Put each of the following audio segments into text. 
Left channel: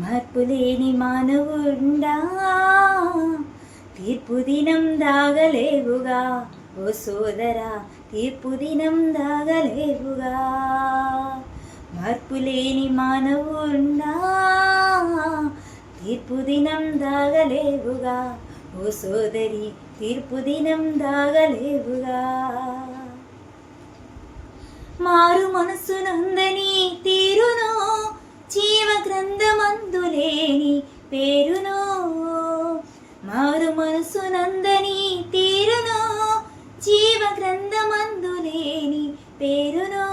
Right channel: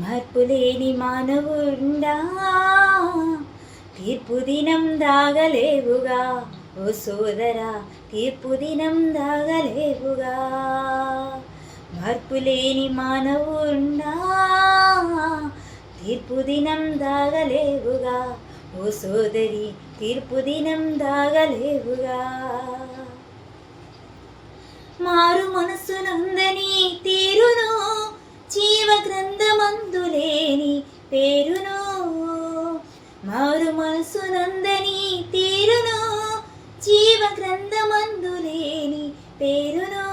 మార్పులేని మానవుండా, తీర్పు దినం దాగలేవుగా. ఓ సోదరా, తీర్పు దినం దాగలేవుగా. మార్పులేని మానవుండా, తీర్పు దినం దాగలేవుగా. ఓ సోదరి, తీర్పు దినం దాగలేవుగా. మారు మనసునందని తీరును, జీవ గ్రంథమందులేని పేరును. మారు మనసునందని తీరును, జీవ గ్రంథమందులేని పేరును.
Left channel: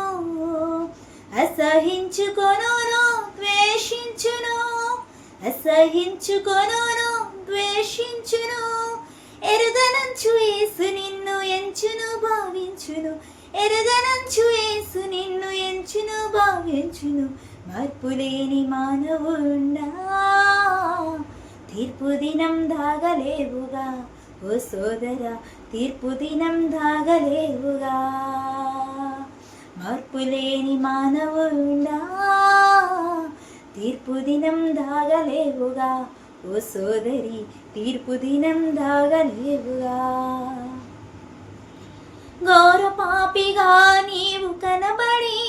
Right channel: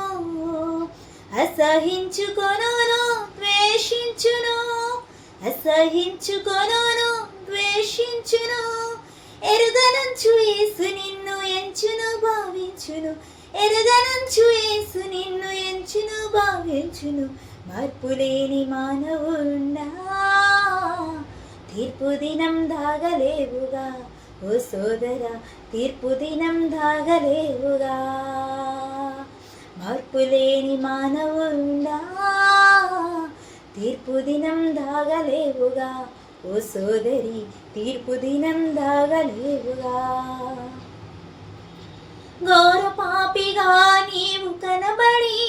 అసహించుకొనును ద్వేషించును, అసహించుకొనును ద్వేషించును. ఎరుగనంచు యేసు నిన్ను ఎంచును భావించును, ఎరుగనంచు యేసు నిన్ను ఎంచును భావించును. మార్పులేని మానవుండా, తీర్పు దినం దాగలేవుగా. ఓ సోదరా, తీర్పు దినం దాగలేవుగా. మార్పులేని మానవుండా, తీర్పు దినం దాగలేవుగా. ఓ సోదరి, తీర్పు దినం దాగలేవుగా. ఘోర పాపిగా నీవు కనబడి,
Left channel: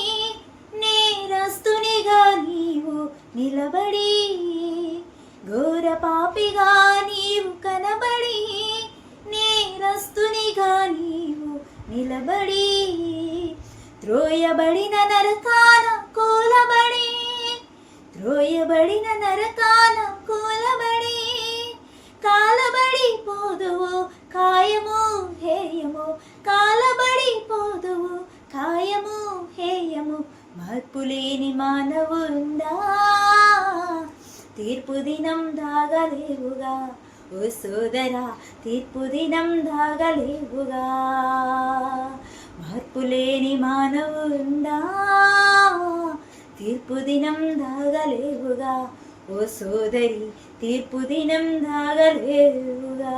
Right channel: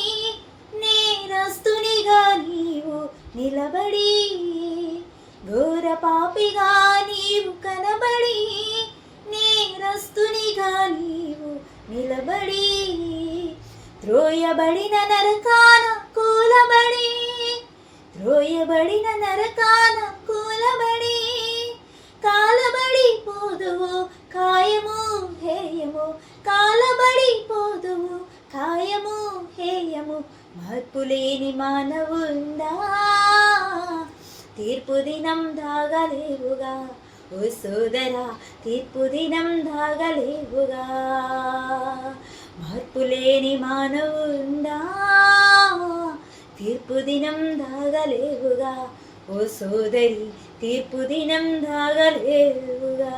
నేరస్తునిగా నీవు నిలబడి. ఘోర పాపిగా నీవు కనబడి, నేరస్తునిగా నీవు నిలబడి. త్రోయబడిన నరకాన కూలబడి, త్రోయబడిన నరకాన కూలబడి. కాలబడి పోదువు కాయము హేయము, కాలబడి పోదువు కాయము హేయము. మార్పులేని మానవుండా, తీర్పు దినం దాగలేవుగా. ఓ సోదరా, తీర్పు దినం దాగలేవుగా. మార్పులేని మానవుండా, తీర్పు దినం దాగలేవుగా. ఓ సోదరి, తీర్పు దినం దాగలేవుగా.